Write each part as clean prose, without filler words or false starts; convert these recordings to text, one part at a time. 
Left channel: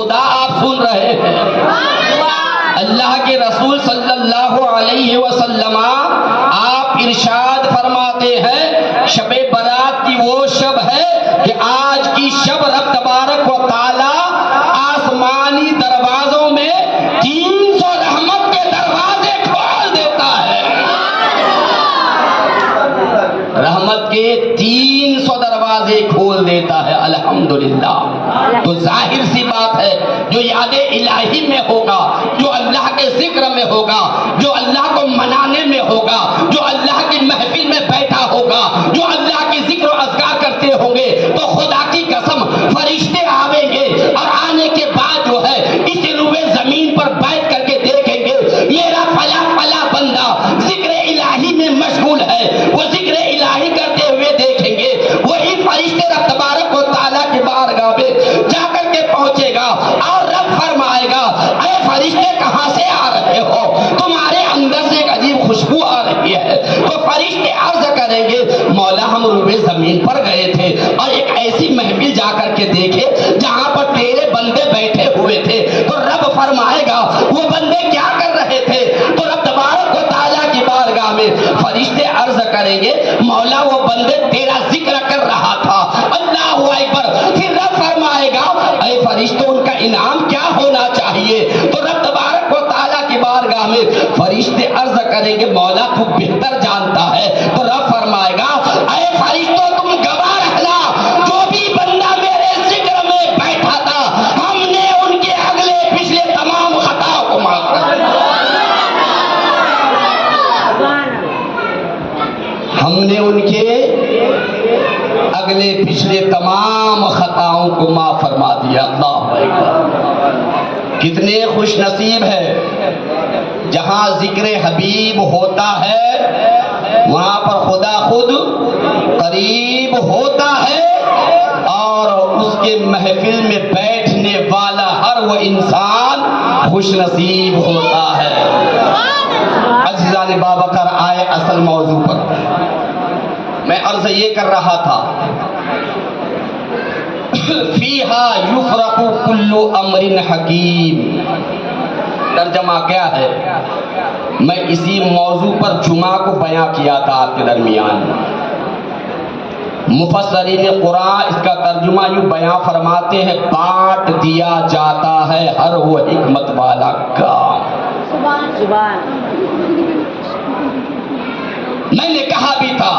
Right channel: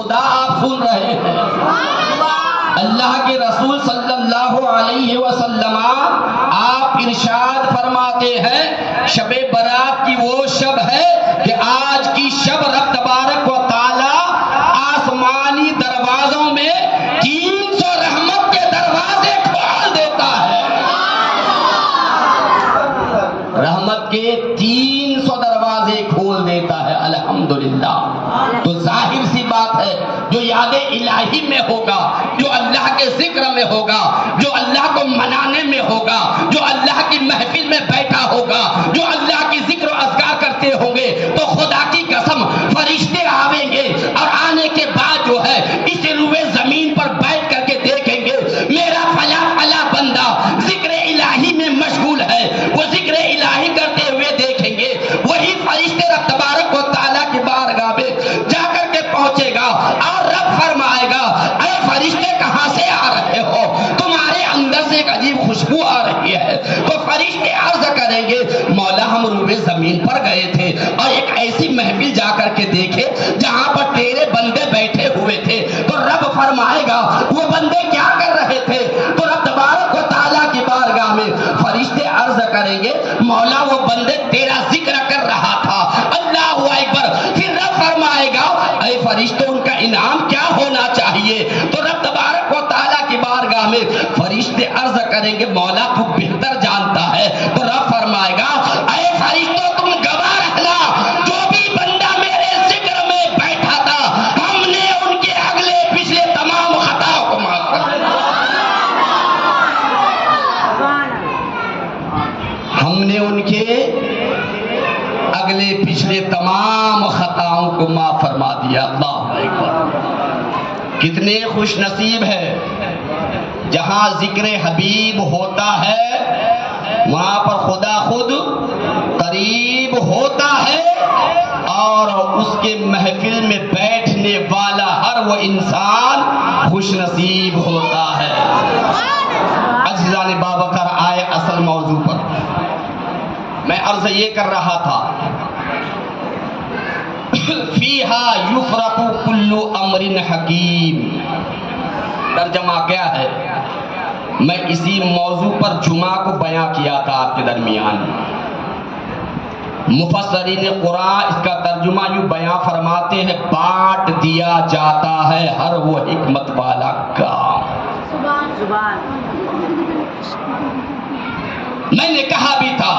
خدا آپ سن رہے ہیں. اللہ کے رسول صلی اللہ علیہ وسلم آپ ارشاد فرماتے ہیں شب برات کی وہ شب ہے کہ آج کی شب رب تبارک و تعالی آسمانی دروازوں میں 300 رحمت کے دروازے کھول دیتا ہے. رحمت کے 300 دروازے کھول دیتا ہے. الحمدللہ. تو ظاہر سی بات ہے جو یاد الہی میں ہوگا، جو اللہ کے ذکر میں ہوگا، جو اللہ کو منانے میں ہوگا، جو اللہ کی محفل میں بیٹھا ہوگا، جو اللہ کی ذکر و اذکار کرتے ہوں گے، تو خدا کی قسم فرشتے آویں گے اور آنے کے بعد جو ہے اس روئے زمین پر بیٹھ کر کے دیکھیں گے میرا فلاں فلاں بندہ ذکر الہی میں مشغول ہے. وہ ذکر الہی کرتے ہوئے دیکھیں گے. وہی فرشتے رب تبارک و تعالیٰ کی بارگاہ میں جا کر کے پہنچے گا اور رب فرمائے گا اے فرشتے کہاں سے آ رہے ہو؟ تمہارے اندر سے ایک عجیب خوشبو آ رہی ہے. تو فرشتے عرض کریں گے مولا ہم روئے زمین پر گئے تھے اور ایک ایسی محفل جا کر کے دیکھے جہاں پر تیرے بندے بیٹھے ہوئے تھے. تو رب فرمائے گا وہ بندے کیا کر رہے تھے؟ تو رب تبارک و تعالیٰ کی بارگاہ میں فرشتے عرض کریں گے مولا وہ بندے تیرا ذکر کر رہا تھا. اللہ اکبر. پھر رب فرمائے گا اے فرشتوں ان کا انعام کیا ہونا چاہیے؟ تو رب تبارک و تعالیٰ کی بارگاہ میں فرشتے عرض کریں گے مولا تو بہتر جانتا ہے. تو رب فرمائے گا اے فرشتوں تم گواہ رہنا جو بھی بندہ میرے ذکر میں بیٹھا تھا ہم نے ان کے اگلے پچھلے تمام خطاؤں کو معاف کر دیا. ہم نے ان کے اگلے پچھلے تمام خطاؤں کو معاف فرما دیا. اللہ اکبر. کتنے خوش نصیب ہے جہاں ذکر حبیب ہوتا ہے وہاں پر خدا خود قریب ہوتا ہے اور اس کے محفل میں بیٹھنے والا ہر وہ انسان خوش نصیب ہوتا ہے. عزیزان بابکر آئے اصل موضوع پر. میں عرض یہ کر رہا تھا فیہا یفرق کل امر حکیم. ترجمہ کیا ہے؟ میں اسی موضوع پر جمعہ کو بیان کیا تھا آپ کے درمیان. مفسرین قرآن اس کا ترجمہ یوں بیان فرماتے ہیں بانٹ دیا جاتا ہے ہر وہ حکمت والا کام. میں نے کہا بھی تھا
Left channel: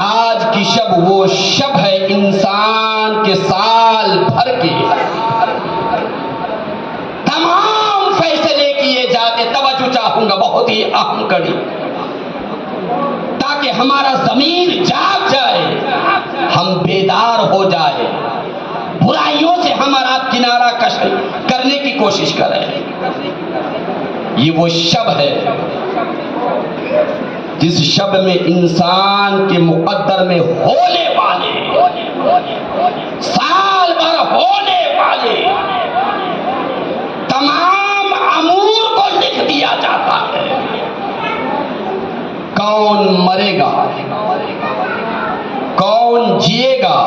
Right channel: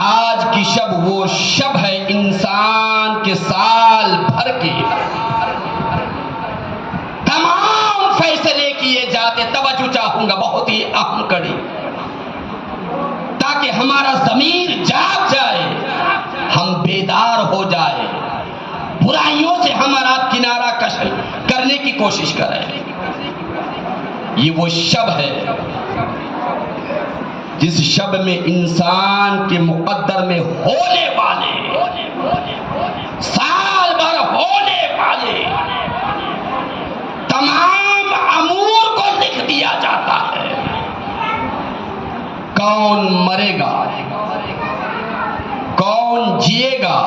آج کی شب وہ شب ہے انسان کے سال بھر کے تمام فیصلے کیے جاتے. توجہ چاہوں گا بہت ہی اہم کڑی تاکہ ہمارا ضمیر جاگ جائے ہم بیدار ہو جائے برائیوں سے ہمارا کنارہ کش کرنے کی کوشش کریں. یہ وہ شب ہے جس شب میں انسان کے مقدر میں ہونے والے سال بھر ہونے والے تمام امور کو لکھ دیا جاتا ہے. کون مرے گا، کون جیے گا،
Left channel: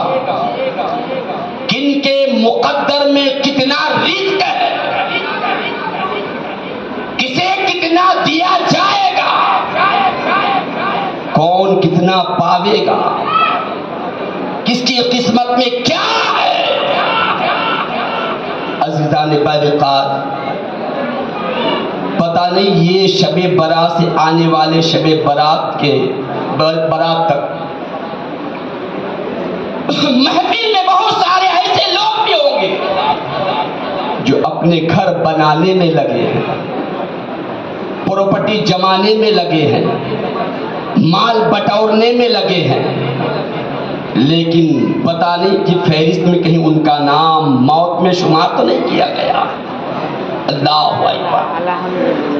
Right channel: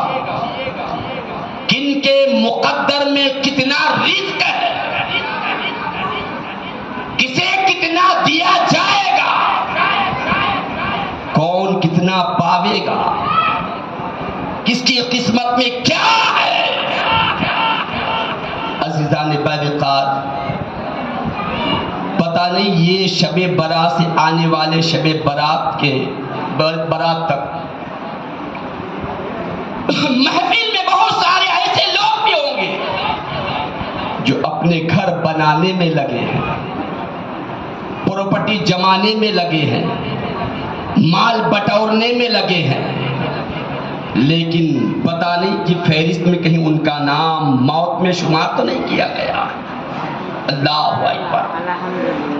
کن کے مقدر میں کتنا رزق ہے، کسے کتنا دیا جائے گا، کون کتنا پاوے گا، کس کی قسمت میں کیا ہے. عزیزان بارقات پتہ نہیں یہ شب برات سے آنے والے شب برات کے برات تک محفل میں بہت سارے ایسے لوگ بھی ہوں گے جو اپنے گھر بنانے میں لگے ہیں، پراپرٹی جمانے میں لگے ہیں، مال بٹورنے میں لگے ہیں، لیکن پتہ نہیں کہ فہرست میں کہیں ان کا نام موت میں شمار تو نہیں کیا گیا. اللہ اکبر.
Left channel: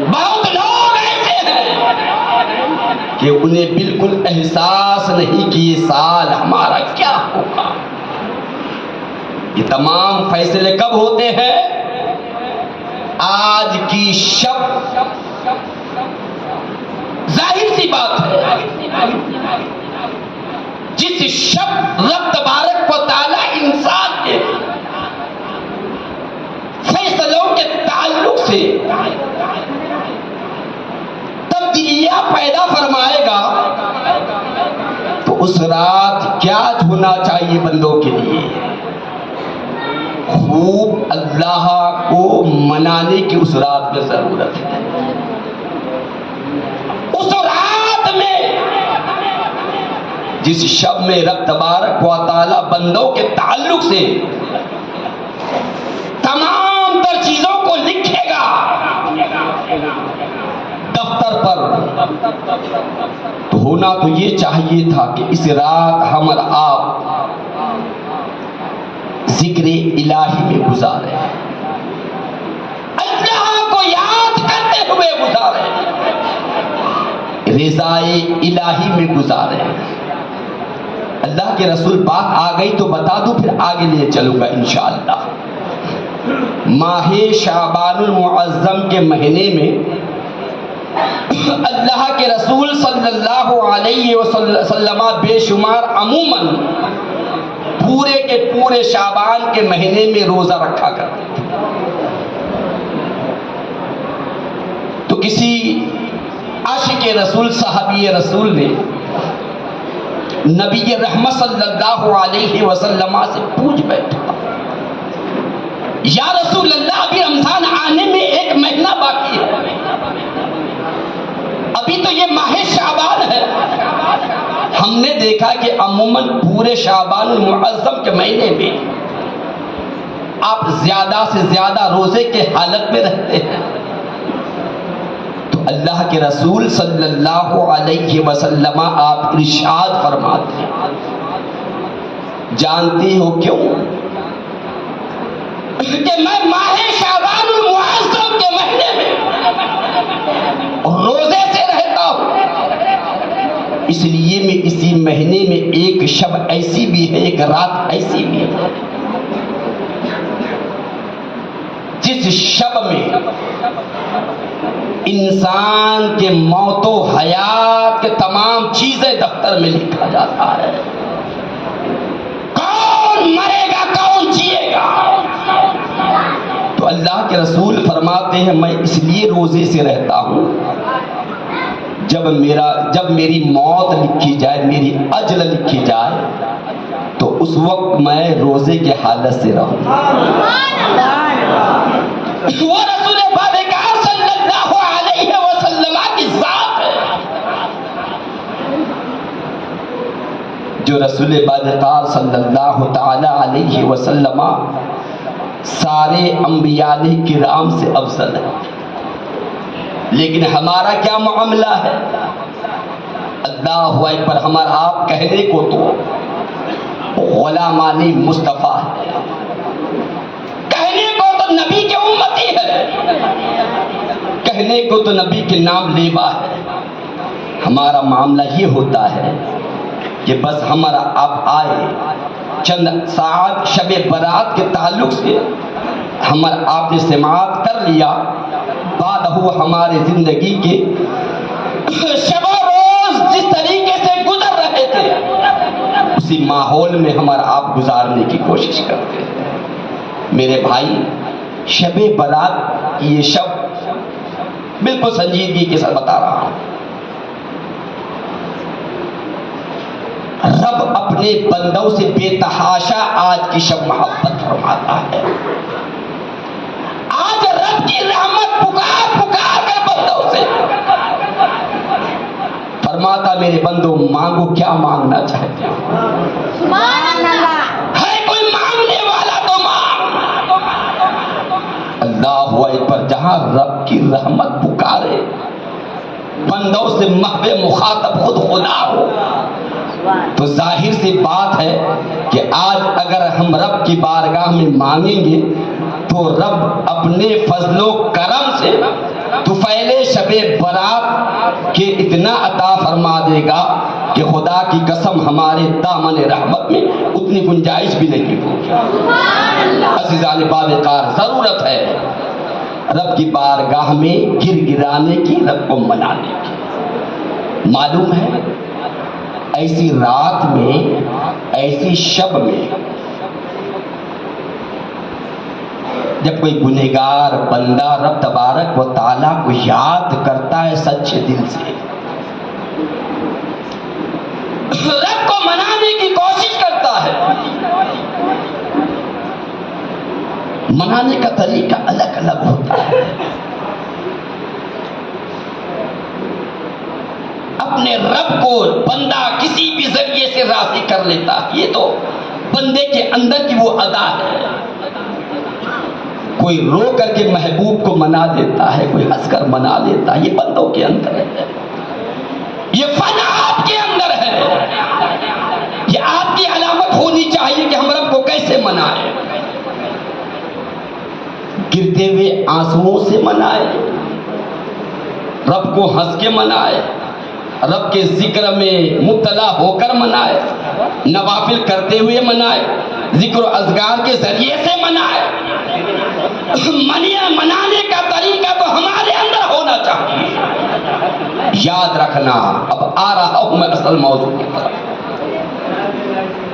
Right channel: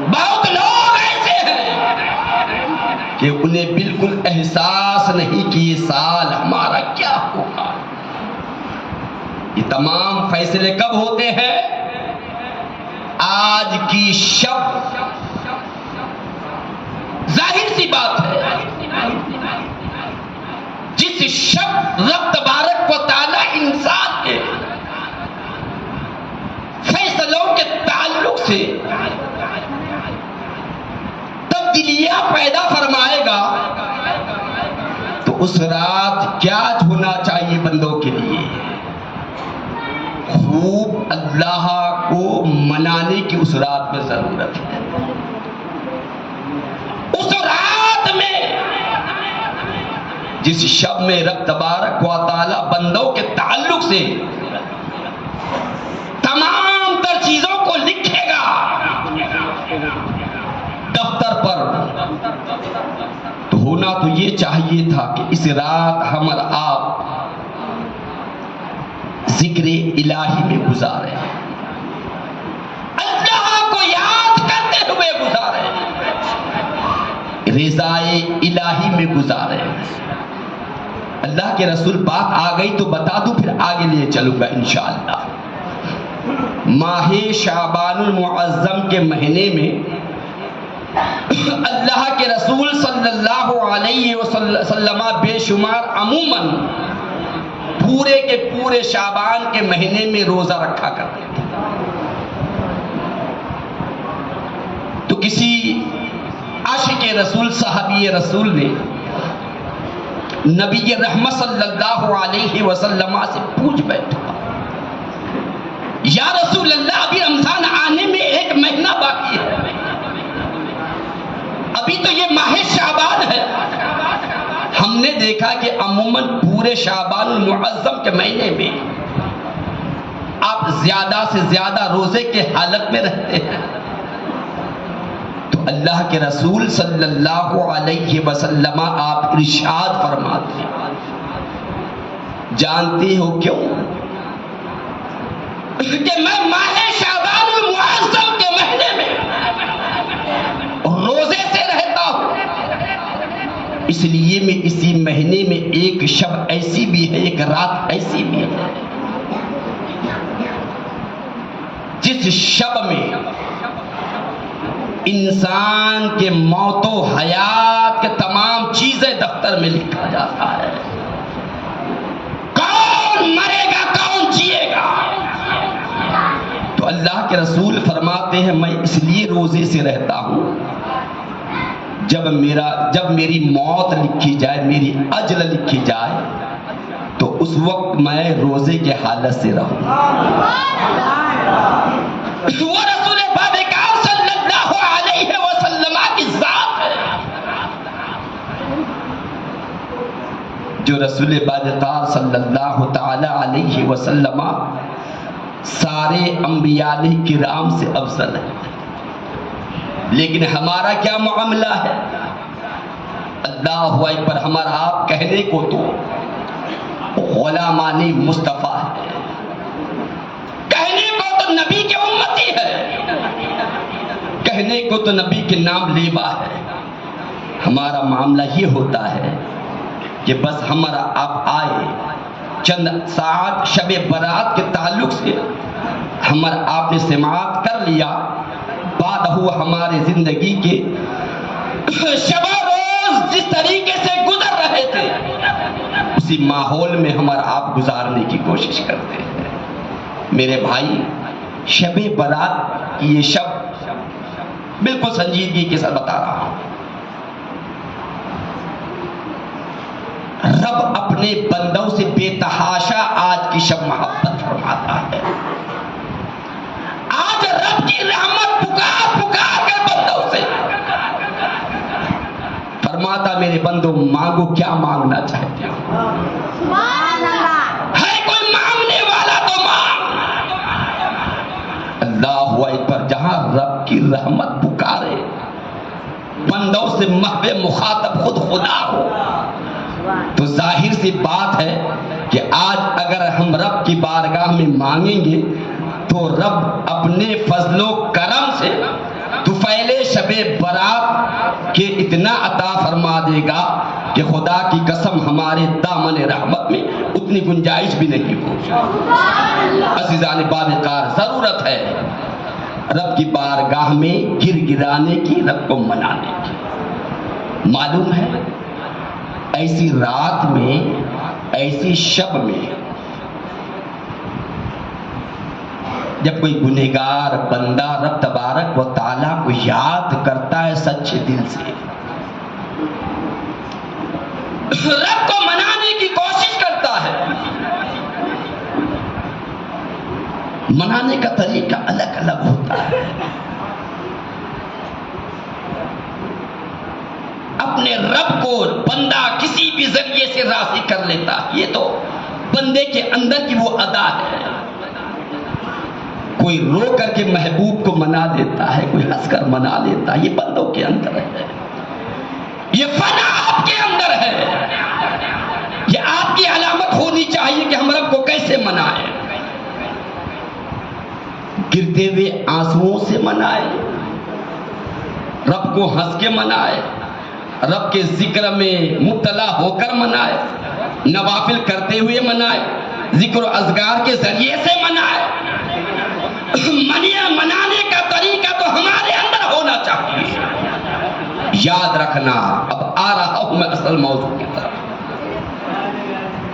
بہت لوگ ایسے ہیں کہ انہیں بالکل احساس نہیں کہ یہ سال ہمارا کیا ہوگا. یہ تمام فیصلے کب ہوتے ہیں؟ آج کی شب. ظاہر سی بات ہے جس شب رب تبارک و تعالی انسان کے پیدا فرمائے گا تو اس رات کیا ہونا چاہیے بندوں کے لیے؟ خوب اللہ کو منانے کی اس رات میں ضرورت ہے. اس رات میں جس شب میں رب تبارک و تعالی بندوں کے تعلق سے تمام تر چیزوں کو لکھے گا دفتر پر، تو ہونا تو یہ چاہیے تھا کہ اس رات ہم اور آپ ذکر الہی میں گزارے، اللہ کو یاد کرتے ہوئے گزارے، رضائے الہی میں گزارے. اللہ کے رسول بات آ گئی تو بتا دوں، پھر آگے لے چلوں گا انشاءاللہ. ماہ شعبان المعظم کے مہینے میں اللہ کے رسول صلی اللہ علیہ وسلم بے شمار عموماً پورے کے پورے شعبان کے مہینے میں روزہ رکھا کرتے تھے. تو کسی عاشق رسول صحابی رسول نے نبی رحمت صلی اللہ علیہ وسلم سے پوچھ بیٹھا، یا رسول اللہ ابھی رمضان آنے میں ایک مہینہ باقی ہے، ابھی تو یہ ماہ شعبان ہے. ہم نے دیکھا کہ عموماً پورے شعبان المعظم کے مہینے میں آپ زیادہ سے زیادہ روزے کے حالت میں رہتے ہیں. تو اللہ کے رسول صلی اللہ علیہ وسلم آپ ارشاد فرماتے ہیں، جانتی ہو کیوں؟ کہ میں ماہ شعبان المعظم کے مہینے میں روزے سے رہتا ہوں، اس لیے میں اسی مہینے میں ایک شب ایسی بھی ہے، ایک رات ایسی بھی ہے جس شب میں انسان کے موت و حیات کے تمام چیزیں دفتر میں لکھا جاتا ہے. کون مرے گا، کون جیے گا. تو اللہ کے رسول فرماتے ہیں میں اس لیے روزے سے رہتا ہوں، جب میری موت لکھی جائے، میری اجل لکھی جائے، تو اس وقت میں روزے کے حالت سے رہوں. وہ رسول بابکار صلی اللہ علیہ وسلم کی ذات ہے جو رسول بابکار صلی اللہ تعالی علیہ وسلم سارے انبیاء کرام سے افضل ہے. لیکن ہمارا کیا معاملہ ہے؟ اللہ اکبر، ہمارا آپ کہنے کو تو غلامان مصطفیٰ ہے، کہنے کو تو نبی کے امتی ہے، کہنے کو تو نبی کے نام لیوا ہے. ہمارا معاملہ یہ ہوتا ہے کہ بس ہمارا آپ آئے چند ساعت شب برات کے تعلق سے ہمارا آپ نے سماعت کر لیا، بعد ہوا ہمارے زندگی کے شب و روز جس طریقے سے گزر رہے تھے اسی ماحول میں ہمارا آپ گزارنے کی کوشش کرتے ہیں. میرے بھائی، شب برات یہ شب بالکل سنجیدگی کے ساتھ بتا رہا ہوں، رب اپنے بندوں سے بے تحاشا آج کی شب محبت فرماتا ہے. آج رب کی رحمت پکار پکار کر بندوں سے فرماتا میرے بندوں مانگو کیا مانگنا چاہتے ہو. سبحان اللہ. ہے کوئی مانگنے والا تو مانگ. اللہ اکبر. جہاں رب کی رحمت پکارے بندوں سے محو مخاطب خود خدا ہو تو ظاہر سی بات ہے کہ آج اگر ہم رب کی بارگاہ میں مانگیں گے تو رب اپنے فضل و کرم سے طفیل شب برات کے اتنا عطا فرما دے گا کہ خدا کی قسم ہمارے دامن رحمت میں اتنی گنجائش بھی نہیں ہوگی. عزیزان بابکار، ضرورت ہے رب کی بارگاہ میں گر گرانے کی، رب کو منانے کی. معلوم ہے ایسی رات میں، ایسی شب میں جب کوئی گنہگار بندہ رب تبارک و تعالیٰ کو یاد کرتا ہے سچے دل سے، رب کو منانے کی کوشش کرتا ہے، منانے کا طریقہ الگ الگ ہوتا ہے. اپنے رب کو بندہ کسی بھی ذریعے سے راضی کر لیتا ہے، یہ تو بندے کے اندر کی وہ ادا ہے. کوئی رو کر کے محبوب کو منا دیتا ہے، کوئی ہنس کر منا لیتا ہے، یہ بندوں کے اندر ہے، یہ فن آپ کے اندر ہے. یہ آپ کی علامت ہونی چاہیے کہ ہم رب کو کیسے منائیں. گرتے ہوئے آنسوؤں سے منائے، رب کو ہنس کے منائے، رب کے ذکر میں مبتلا ہو کر منائے، نوافل کرتے ہوئے منائے، ذکر و اذکار کے ذریعے سے منائے. منانے کا طریقہ تو ہمارے اندر ہونا چاہیے. یاد رکھنا، اب آ رہا ہوں میں اصل موضوع کی طرف.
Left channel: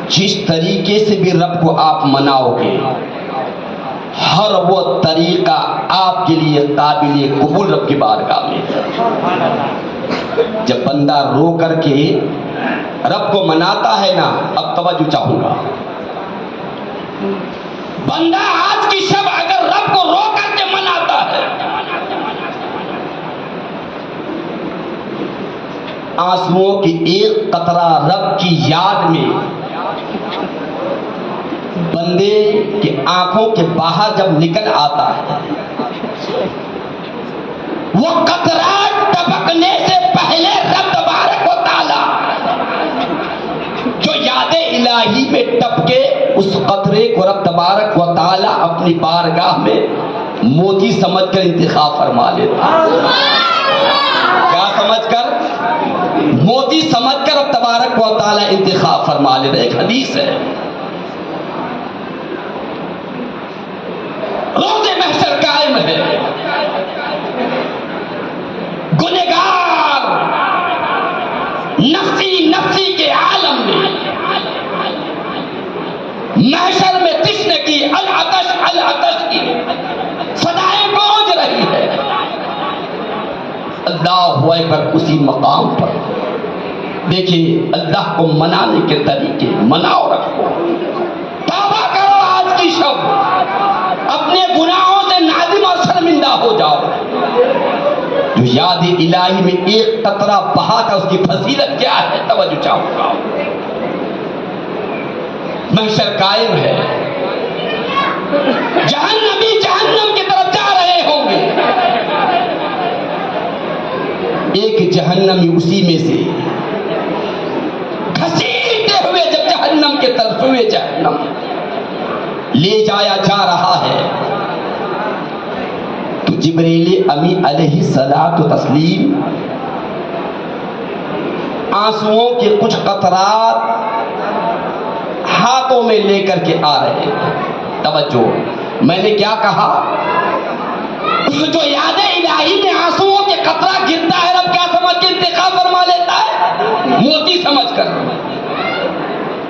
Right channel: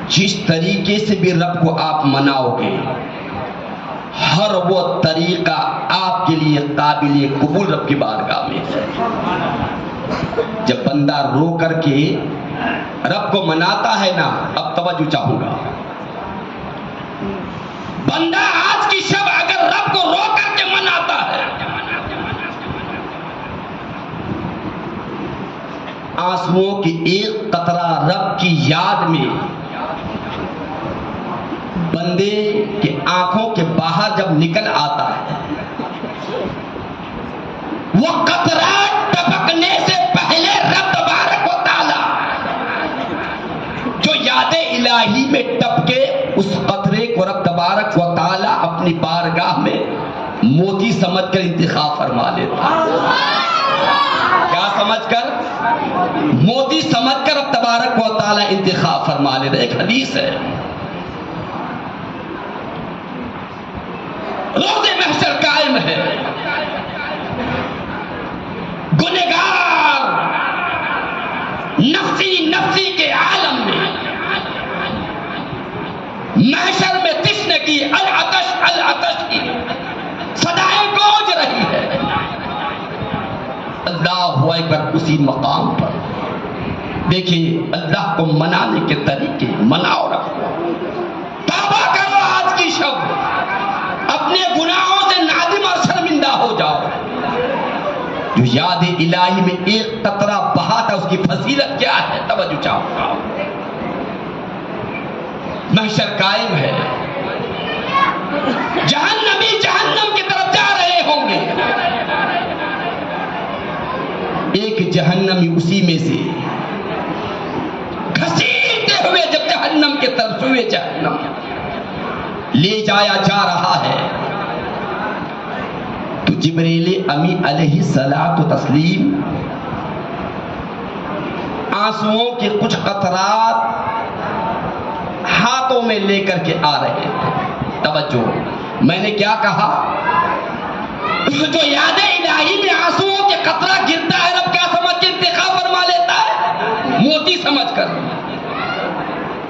جس طریقے سے بھی رب کو آپ مناؤ گے، ہر وہ طریقہ آپ کے لیے قابل قبول رب کی بارگاہ میں. جب بندہ رو کر کے رب کو مناتا ہے نا، اب توجہ چاہوں گا، بندہ آج کی شب اگر رب کو رو کر کے مناتا ہے، آنسوؤں کی ایک قطرہ رب کی یاد میں بندے کی آنکھوں کے باہر جب نکل آتا ہے، وہ قطرہ ٹپکنے سے پہلے رب تبارک و تعالی جو یاد الہی میں ٹپکے، اس قطرے کو رب تبارک و تعالی اپنی بارگاہ میں موتی سمجھ کر انتخاب فرما لیتا. کیا سمجھ کر؟ موتی سمجھ کر رب تبارک و تعالی انتخاب فرما لیتا. ایک حدیث ہے، روز محشر قائم ہے، گنہگار نفسی نفسی کے عالم میں محشر میں تشنگی العطش العطش کی صدائیں گونج رہی ہے. اللہ اکبر. اسی مقام پر دیکھیے اللہ کو منانے کے طریقے، مناؤ رکھو، توبہ کرو آج کی شب، اپنے گناہوں سے نادم اور شرمندہ ہو جاؤ. جو یاد الہی میں ایک قطرہ بہا تھا، اس کی فضیلت کیا ہے؟ توجہ چاہوں گا. محشر قائم ہے، جہنمی جہنم کی طرف جا رہے ہوں گے. ایک جہنمی اسی میں سے گھسیٹتے ہوئے جب جہنم کی طرف ہوئے جہنم لے جایا جا رہا ہے، تو جبریل امی علیہ الصلوۃ والتسلیم آنسوؤں کے کچھ قطرات ہاتھوں میں لے کر کے آ رہے ہیں. توجہ، میں نے کیا کہا؟ جو یاد الہی میں آنسوؤں کے قطرہ گرتا ہے، رب کیا سمجھ کے انتخاب فرما لیتا ہے؟ موتی سمجھ کر.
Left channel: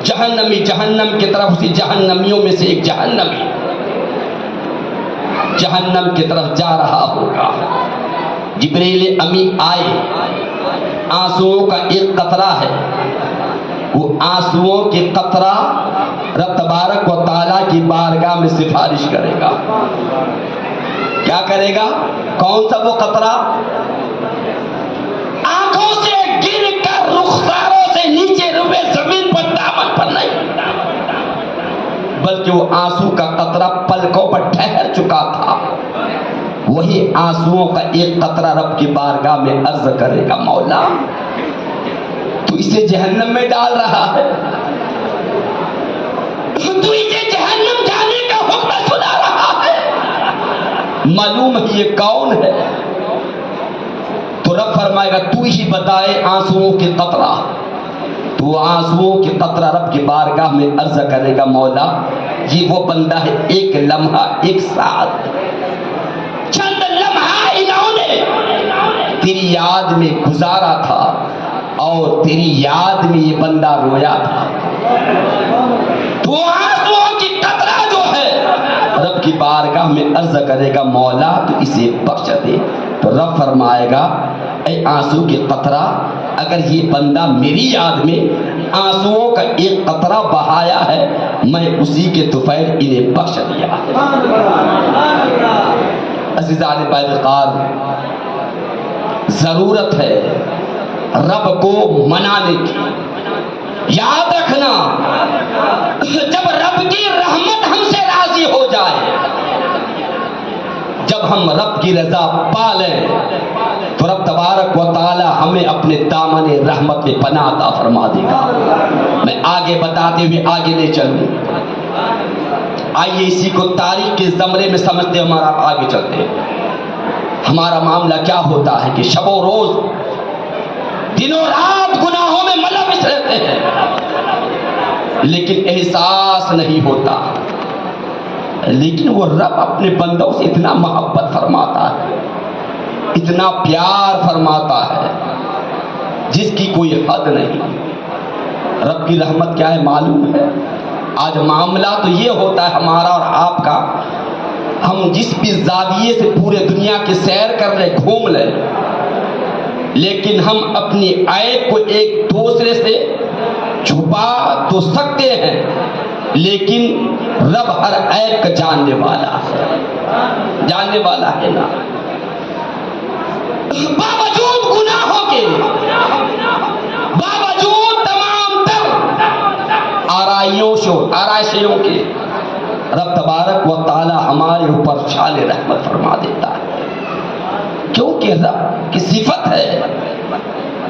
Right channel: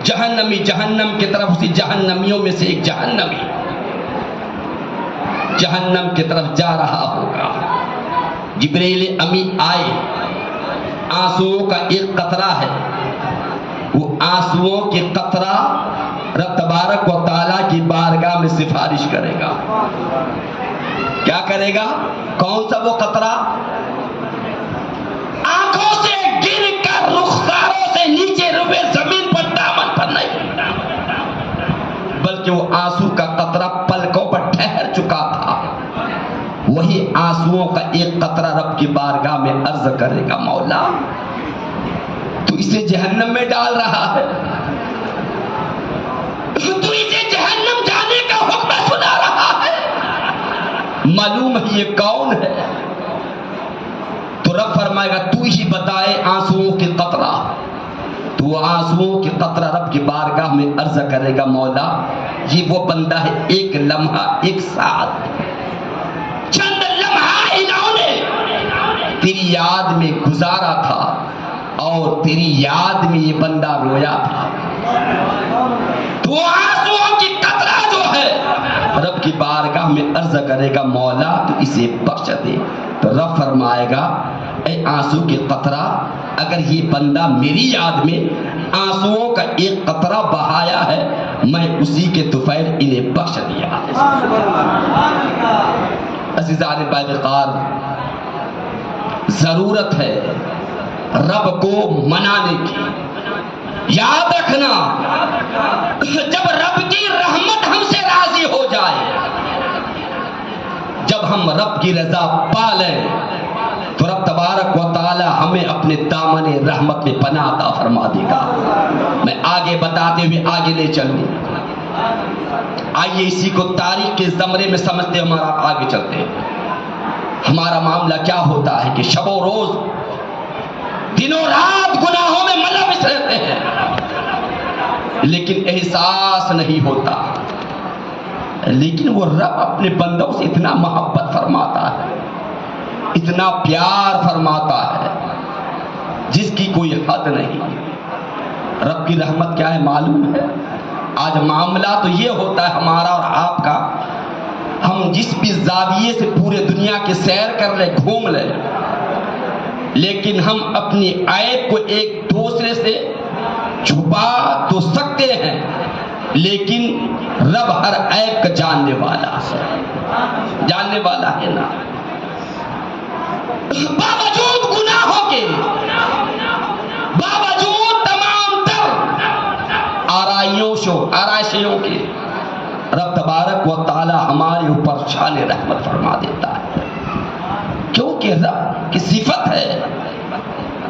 جہنمی جہنم کی طرف، اسی جہنمیوں میں سے ایک جہنمی جہنم کی طرف جا رہا ہوگا. جبریل امی آئے، آنسوؤں کا ایک قطرہ ہے، وہ آنسوؤں کے قطرہ رب تبارک و تعالیٰ کی بارگاہ میں سفارش کرے گا. کیا کرے گا؟ کون سا وہ قطرہ؟ آنکھوں سے گر کر رخساروں سے نیچے روئے زمین پر دامن پر نہیں، بلکہ وہ آنسو کا قطرہ پلکوں پر ٹھہر چکا تھا. وہی آنسوؤں کا ایک قطرہ رب کی بارگاہ میں عرض کرے گا، مولا تو اسے جہنم میں ڈال رہا ہے، تو اسے جہنم جانے کا حکم سنا رہا ہے، معلوم ہے یہ کون ہے؟ تو رب فرمائے گا تو ہی بتائے آنسوؤں کے قطرہ. تو آنسوؤں کے قطرہ رب کی بارگاہ میں عرض کرے گا، مولا یہ وہ بندہ ہے، ایک لمحہ، ایک ساتھ، چند لمحہ انہوں نے تیری یاد میں گزارا تھا اور تیری یاد میں یہ بندہ رویا تھا. تو آنسوؤں کی قطرہ جو ہے رب کی بارگاہ میں عرض کرے گا، مولا تو اسے بخش دے. تو رب فرمائے گا، اے آنسو کے قطرہ، اگر یہ بندہ میری یاد میں آنسوؤں کا ایک قطرہ بہایا ہے، میں اسی کے طفیل انہیں بخش دیا ہے۔ عزیزان پیغمبر، ضرورت ہے رب کو منانے کی۔ یاد رکھنا، جب رب کی رحمت ہم سے راضی ہو جائے، جب ہم رب کی رضا پا لیں، تو رب تبارک و تعالی ہمیں اپنے دامن رحمت میں پناہ عطا فرما دے گا۔ میں آگے بتاتے ہوئے آگے لے چلوں، آئیے اسی کو تاریخ کے زمرے میں سمجھتے ہمارا آگے چلتے ہیں۔ ہمارا معاملہ کیا ہوتا ہے کہ شب و روز دنوں رات گناہوں میں ملوث رہتے ہیں، لیکن احساس نہیں ہوتا۔ لیکن وہ رب اپنے بندوں سے اتنا محبت فرماتا ہے، اتنا پیار فرماتا ہے جس کی کوئی حد نہیں۔ رب کی رحمت کیا ہے معلوم ہے؟ آج معاملہ تو یہ ہوتا ہے ہمارا اور آپ کا، ہم جس بھی زاویے سے پورے دنیا کی سیر کر لیں، گھوم لیں، لیکن ہم اپنی عیب کو ایک دوسرے سے چھپا تو سکتے ہیں، لیکن رب ہر عیب کا جاننے والا ہے نا۔ باوجود گناہوں کے، باوجود تمام تر آرائشیوں کے، رب تبارک و تعالی ہمارے اوپر شان رحمت فرما دیتا ہے، کیونکہ رب کی صفت ہے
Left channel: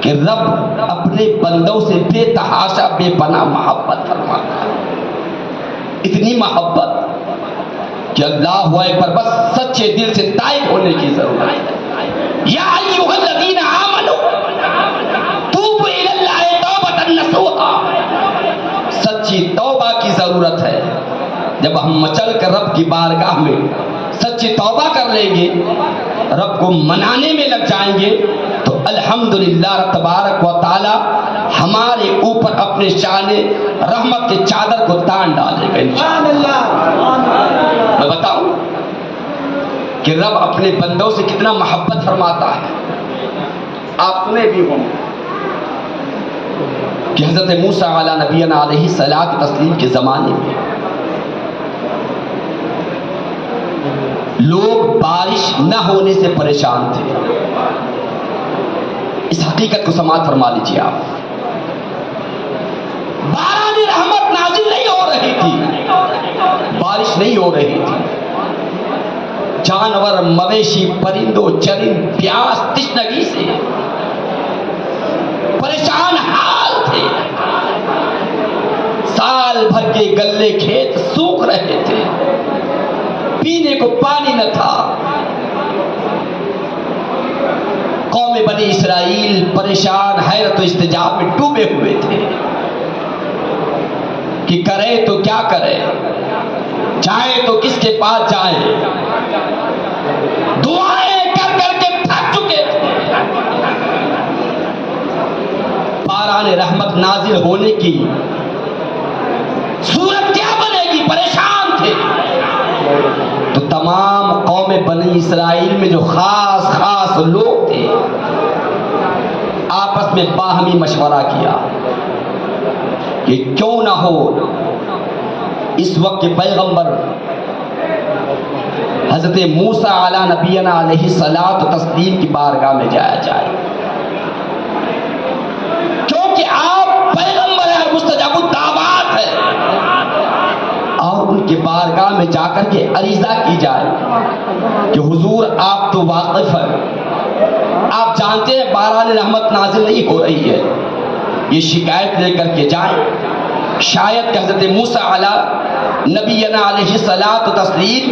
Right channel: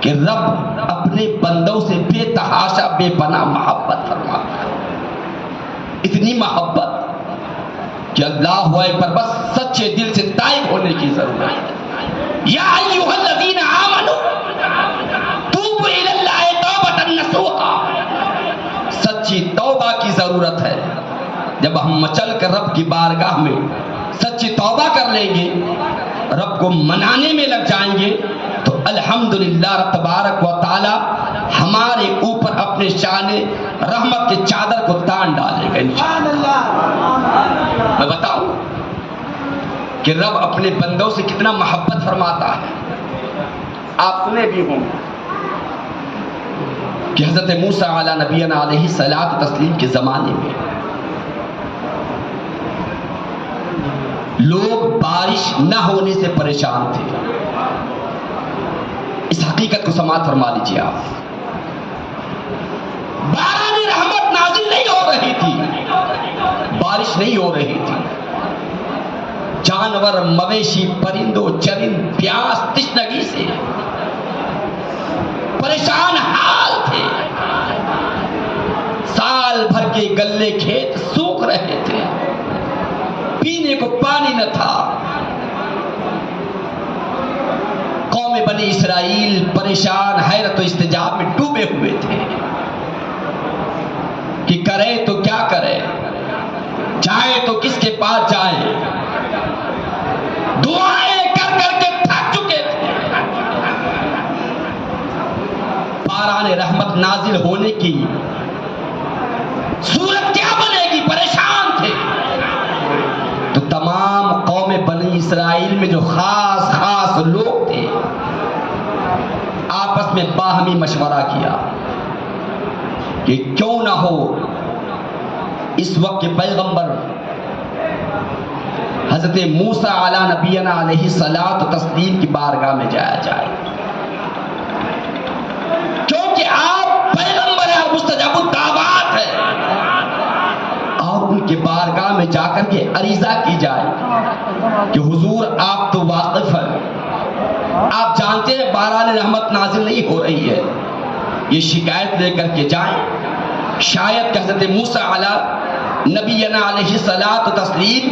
کہ رب اپنے بندوں سے بے تحاشا بے پناہ محبت فرماتا ہے۔ اتنی محبت کہ اللہ پر بس سچے دل سے تائب ہونے کی ضرورت ہے۔ یا ایھا الذین آمنوا توبوا الی اللہ توبۃ نصوحا، سچی توبہ کی ضرورت ہے۔ جب ہم مچل کر رب کی بارگاہ میں سچی توبہ کر لیں گے، رب کو منانے میں لگ جائیں گے، تو الحمدللہ رب تبارک و تعالی ہمارے اوپر اپنے شان رحمت کے چادر کو تان ڈالے گا انشاءاللہ۔ میں بتاؤں کہ رب اپنے بندوں سے کتنا محبت فرماتا ہے۔ آپ سنے بھی ہوں کہ حضرت موسیٰ علیہ نبینا علیہ الصلاۃ والتسلیم کے زمانے میں لوگ بارش نہ ہونے سے پریشان تھے۔ اس حقیقت کو سماعت فرما لیجیے آپ، باران رحمت نازل نہیں ہو رہی تھی، بارش نہیں ہو رہی تھی، جانور مویشی پرندوں چرند پیاس تشنگی سے پریشان حال تھے، سال بھر کے گلے کھیت سوکھ رہے تھے، پینے کو پانی نہ تھا۔ قوم بنی اسرائیل پریشان حیرت و استجاب میں ڈوبے ہوئے تھے کہ کرے تو کیا کرے، جائے تو کس کے پاس جائیں، دعائیں کر کر کے تھک چکے تھے۔ باران رحمت نازل ہونے کی صورت کیا بنے گی، پریشان تھے۔ تو تمام قوم بنی اسرائیل میں جو خاص لوگ تھے، آپس میں باہمی مشورہ کیا کہ کیوں نہ ہو اس وقت کے پیغمبر حضرت موسیٰ علیہ نبینا علیہ الصلاۃ والتسلیم کی بارگاہ میں جایا جائے، کیونکہ آپ پیغمبر ہیں، مستجاب الدعوات ہیں، اور ان کے بارگاہ میں جا کر کے عریضہ کی جائے کہ حضور آپ تو واقف ہیں، آپ جانتے ہیں باران رحمت نازل نہیں ہو رہی ہے، یہ شکایت لے کر کے جائیں، شاید کہ حضرت موسیٰ علیہ نبینا علیہ الصلاۃ والتسلیم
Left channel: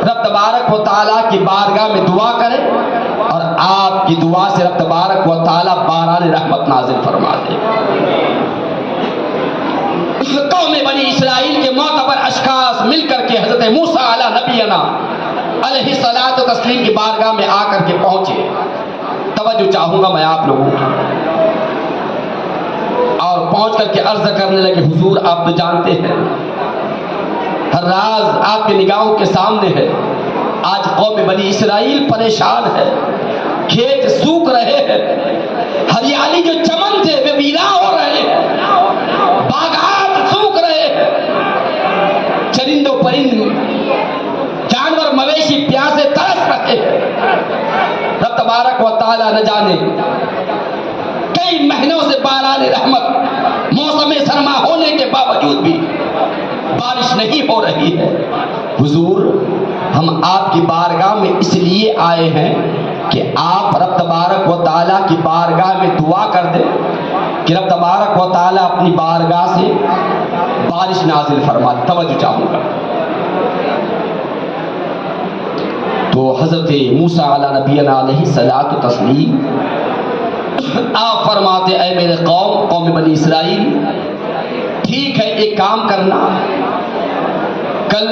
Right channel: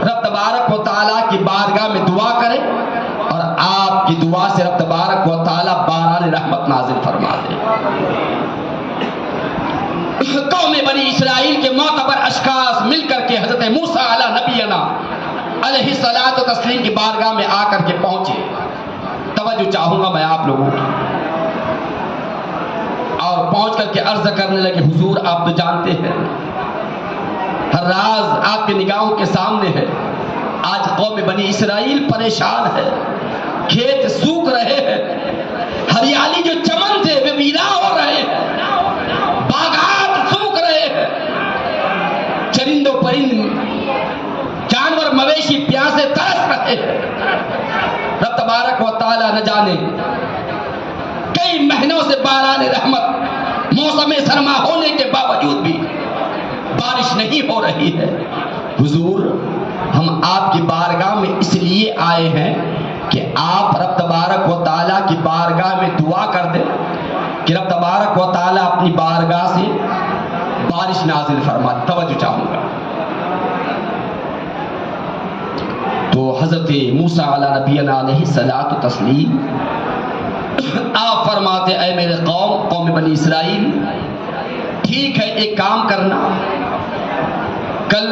رب تبارک و تعالیٰ کی بارگاہ میں دعا کرے اور آپ کی دعا سے رب تبارک و تعالیٰ باران رحمت نازل فرما دے۔ قوم بنی اسرائیل کے معتبر اشخاص مل کر کے حضرت موسیٰ علیہ نبینا علیہ الصلاۃ والتسلیم کی بارگاہ میں آ کر کے پہنچے۔ توجہ چاہوں گا میں آپ لوگوں کی، اور پہنچ کر کے عرض کرنے لگے حضور آپ تو جانتے ہیں ہر راز آپ کی نگاہوں کے سامنے ہے، آج قوم بنی اسرائیل پریشان ہے، کھیت سوکھ رہے ہیں، ہریالی جو چمن تھے وہ ویران ہو رہے ہیں، چرند و پرند جانور مویشی پیاسے ترس رہے ہیں. رب تبارک و تعالی نہ جانے کئی مہینوں سے باران رحمت موسم سرما ہونے کے باوجود بھی بارش نہیں ہو رہی ہے. حضور ہم آپ کی بارگاہ میں اس لیے آئے ہیں کہ آپ رب تبارک و تعالیٰ کی بارگاہ میں دعا کر دیں کہ رب تبارک و تعالیٰ اپنی بارگاہ سے بارش نازل فرما. توجہ چاہوں گا. تو حضرت موسیٰ علیہ نبینا علیہ الصلوۃ والتسلیم آپ فرماتے اے میرے قوم بنی اسرائیل، ٹھیک ہے ایک کام کرنا، کل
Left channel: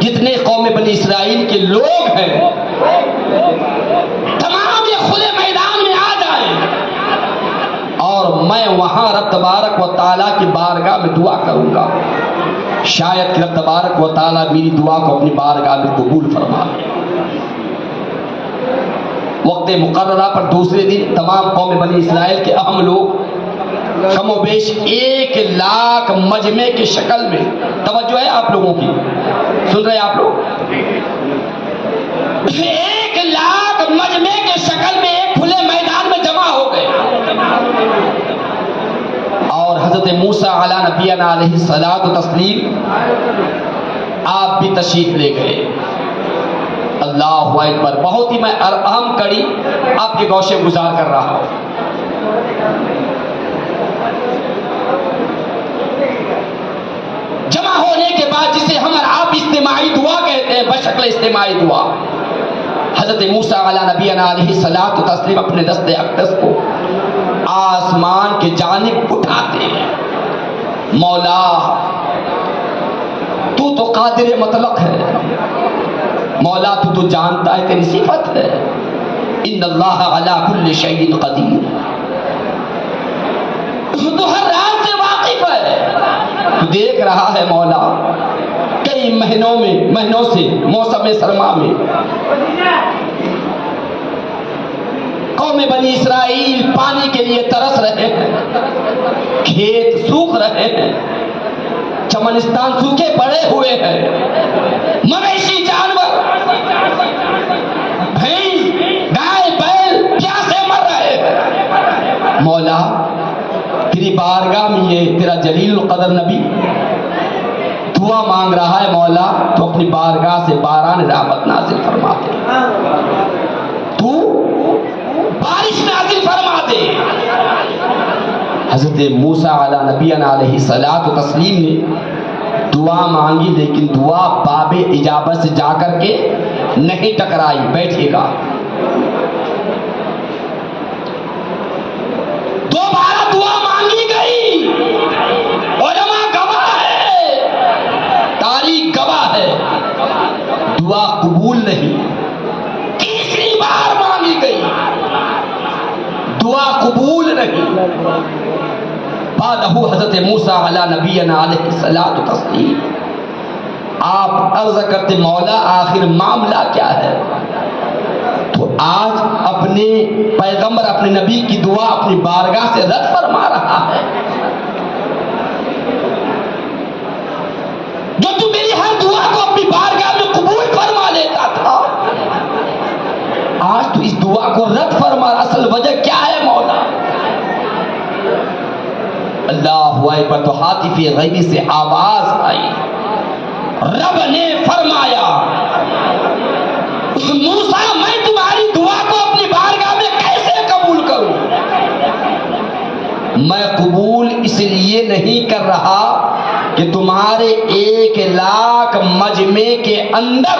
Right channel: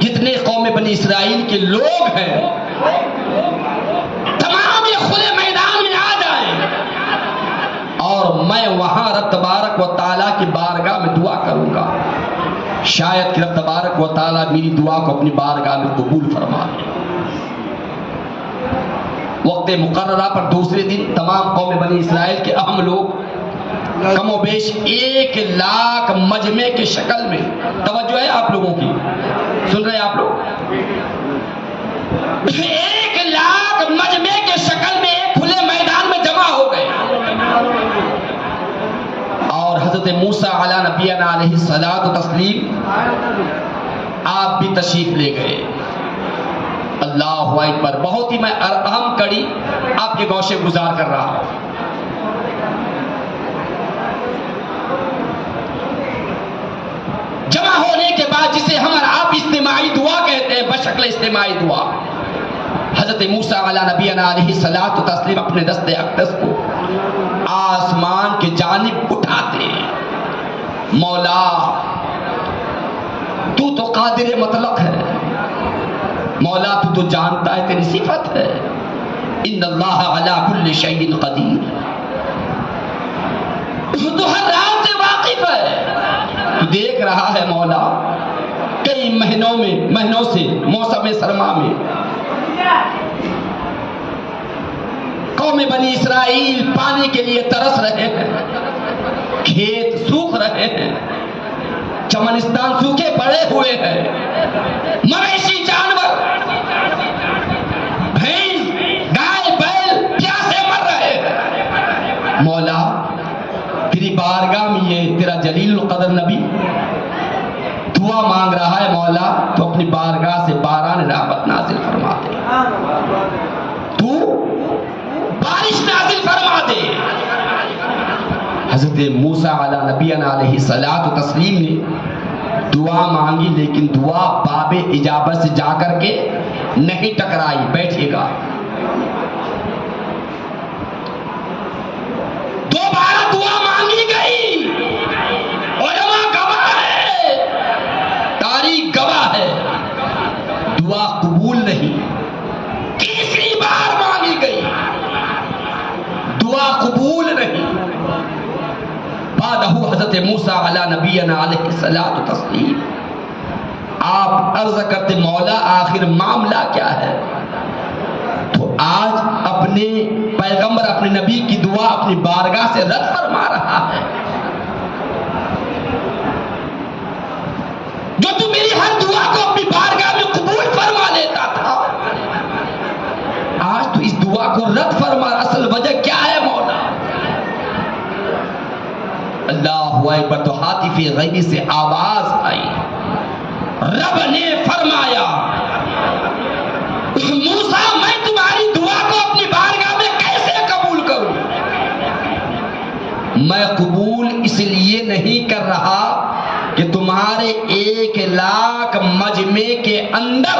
جتنے قوم بنی اسرائیل کے لوگ ہیں تمام یہ کھلے میدان میں آ جائیں اور میں وہاں رب تبارک و تعالیٰ کی بارگاہ میں دعا کروں گا. شاید کہ رب تبارک و تعالیٰ میری دعا کو اپنی بارگاہ میں قبول فرما لے. وقت مقررہ پر دوسرے دن تمام قوم بنی اسرائیل کے اہم لوگ کم و بیش 1,00,000 مجمع کی شکل میں، توجہ ہے آپ لوگوں کی، سن رہے ہیں آپ لوگ، 1,00,000 مجمع کی شکل میں ایک کھلے میدان میں جمع ہو گئے اور حضرت موسیٰ علیہ نبینا علیہ الصلوۃ والتسلیم آپ بھی تشریف لے گئے. اللہ اکبر. بہت ہی میں اہم کڑی آپ کے گوشے گزار کر رہا ہوں. جمع ہونے کے بعد جسے ہم اور آپ اجتماعی دعا کہتے ہیں، بشکل اجتماعی دعا، حضرت موسیٰ علیہ نبینا علیہ الصلوۃ والتسلیم اپنے دست اقدس کو آسمان کے جانب اٹھاتے ہیں. مولا تو قادر مطلق ہے، مولا تو جانتا ہے، تیری صفت ہے ان اللہ علی کل شیء قدیر، تو ہر راز سے واقف ہے، تو دیکھ رہا ہے مولا کئی مہینوں سے موسم سرما میں قوم بنی اسرائیل پانی کے لیے ترس رہے ہیں، کھیت سوکھ رہے ہیں، چمنستان سوکھے پڑے ہوئے ہیں، مویشی جانور بھینس گائے بیل پیاسے مر رہے ہیں. مولا تیری بارگاہ میں یہ تیرا جلیل القدر نبی دعا مانگ رہا ہے، مولا تو اپنی بارگاہ سے باران رحمت نازل فرما دے، تو بارش نازل فرما دے. حضرت موسیٰ علیہ نبینا علیہ الصلوۃ والتسلیم نے دعا مانگی، لیکن دعا باب اجابت سے جا کر کے نہیں ٹکرائی. بیٹھیے گا. دوبارہ دعا مانگی گئی. علماء گواہ ہے، تاریخ گواہ ہے، دعا قبول نہیں. تیسری بار مانگی گئی، دعا قبول نہیں. بعد حضرت موسیٰ علیہ نبینا علیہ الصلوۃ والتسلیم آپ عرض کرتے مولا آخر معاملہ کیا ہے؟ تو آج اپنے پیغمبر اپنے نبی کی دعا اپنی بارگاہ سے رد فرما رہا ہے. جو تو میری ہر دعا کو اپنی بارگاہ میں قبول فرما لیتا تھا، آج تو اس دعا کو رد فرما. اصل وجہ کیا ہے مولا؟ اللہ اکبر. تو ہاتف غیبی سے آواز آئی، رب نے فرمایا موسیٰ میں تمہاری دعا کو اپنی بارگاہ میں کیسے قبول کروں؟ میں قبول اس لیے نہیں کر رہا کہ تمہارے 1,00,000 مجمع کے اندر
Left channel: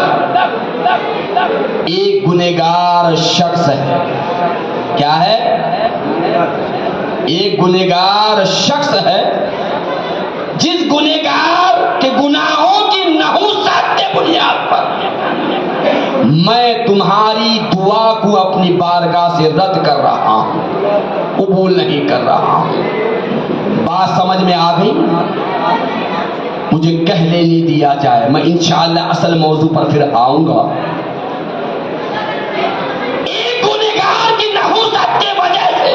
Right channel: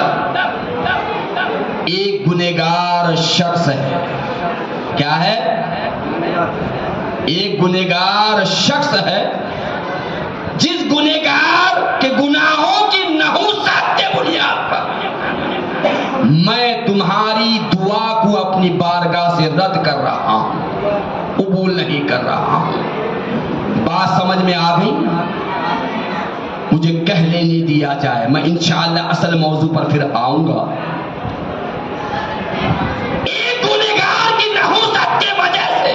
ایک گنہگار شخص ہے. کیا ہے؟ ایک گنہگار شخص ہے جس گنہگار کے گناہوں کی نحوست کے بنیاد پر میں تمہاری دعا کو اپنی بارگاہ سے رد کر رہا ہوں، قبول نہیں کر رہا ہوں. بات سمجھ میں آ گئی؟ مجھے کہہ لینے دیا جائے، میں انشاءاللہ اصل موضوع پر پھر آؤں گا. ایک گنہگار کی نحوست کی وجہ سے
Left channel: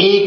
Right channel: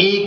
ایک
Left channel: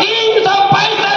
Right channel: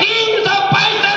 365